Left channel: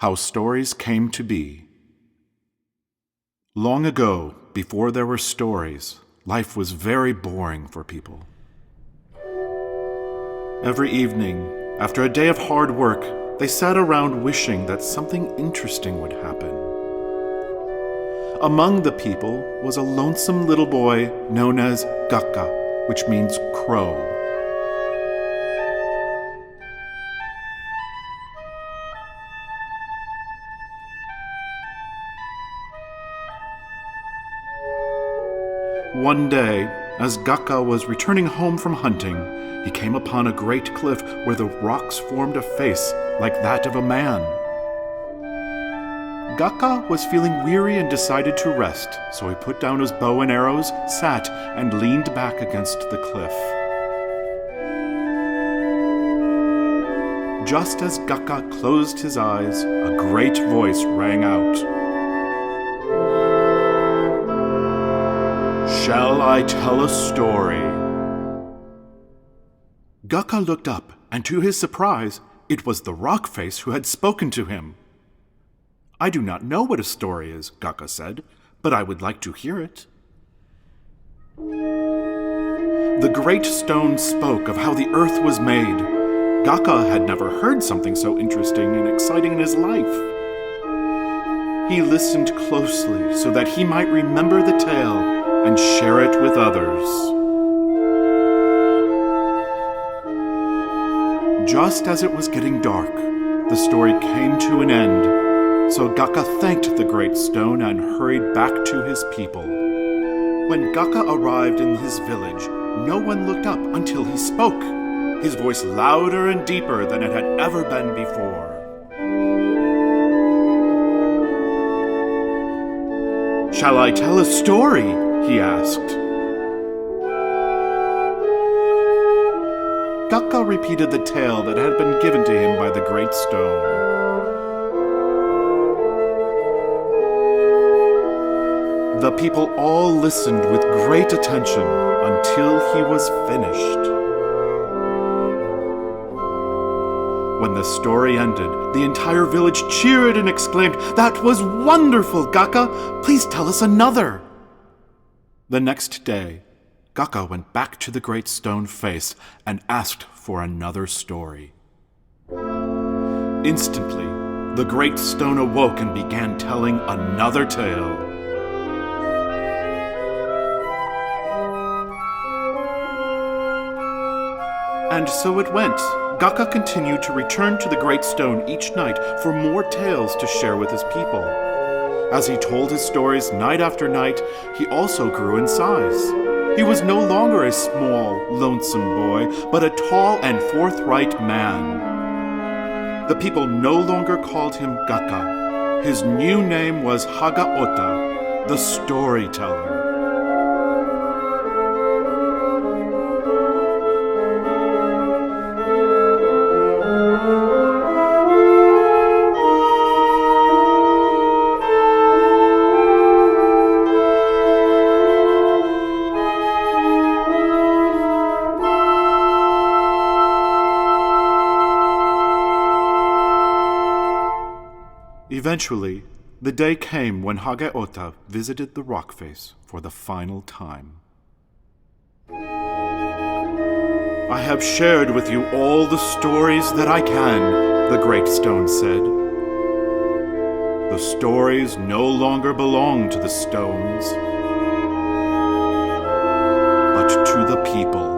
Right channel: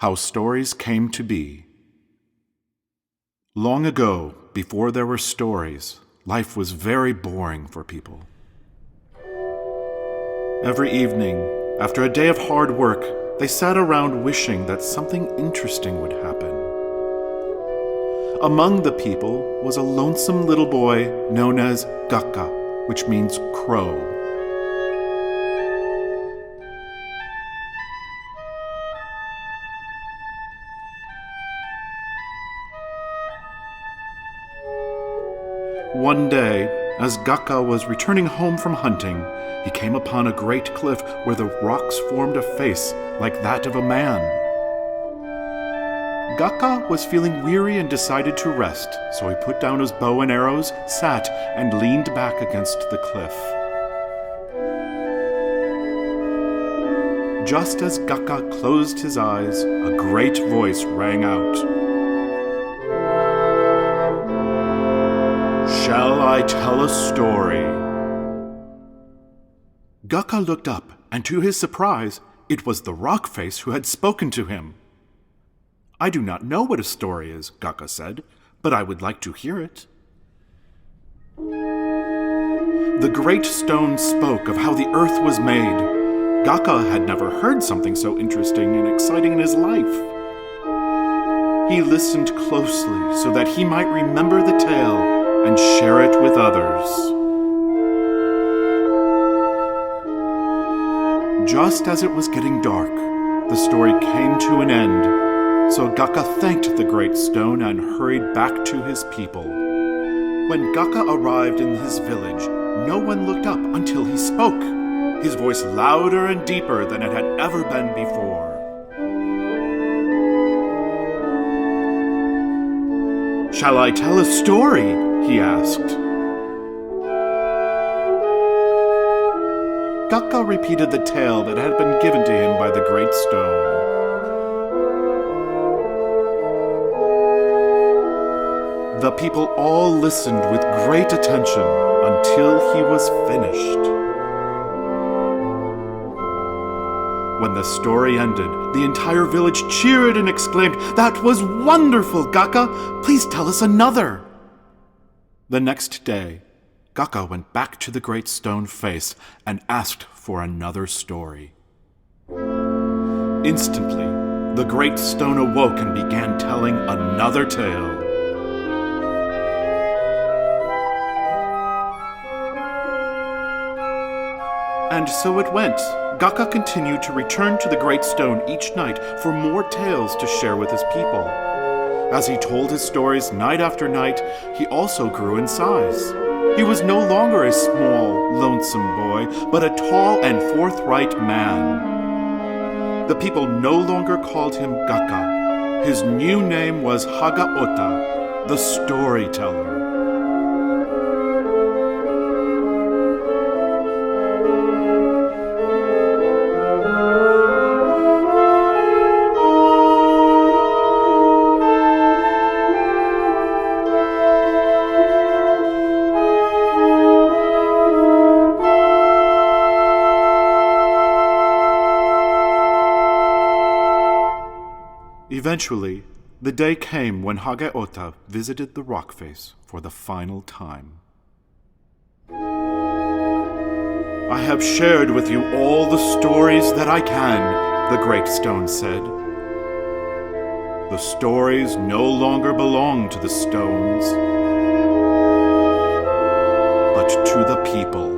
How Stories Came to Be. Long ago, before there were stories, life was very boring for people. Every evening, after a day of hard work, they sat around wishing that something interesting would happen. Among the people was a lonesome little boy known as Gaka, which means crow. One day, as Gaka was returning home from hunting, he came upon a great cliff where the rocks formed a face like that of a man. Gaka was feeling weary and decided to rest, so he put down his bow and arrows, sat, and leaned back against the cliff. Just as Gaka closed his eyes, a great voice rang out. "Shall I tell a story?" Gaka looked up, and to his surprise, it was the rock face who had spoken to him. "I do not know what a story is," Gaka said, "but I would like to hear it." The great stone spoke of how the earth was made. Gaka had never heard something so interesting and exciting in his life. He listened closely so that he might remember the tale and share it with others. Just as it was getting dark, the story came to an end, so Gaka thanked the great stone and hurried back to his people. When Gaka arrived in his village, no one looked up until he spoke, his voice louder and deeper than it had ever been before. "Shall I tell a story?" he asked. Gaka repeated the tale that had been given to him by the great stone. The people all listened with great attention until he was finished. When the story ended, the entire village cheered and exclaimed, "That was wonderful, Gaka! Please tell us another!" The next day, Gaka went back to the great stone face and asked for another story. Instantly, the great stone awoke and began telling another tale. And so it went. Gaka continued to return to the great stone each night for more tales to share with his people. As he told his stories night after night, he also grew in size. He was no longer a small, lonesome boy, but a tall and forthright man. The people no longer called him Gaka. His new name was Hagaota, the storyteller. Eventually, the day came when Hagaota visited the rock face for the final time. "I have shared with you all the stories that I can," the great stone said. "The stories no longer belong to the stones, but to the people."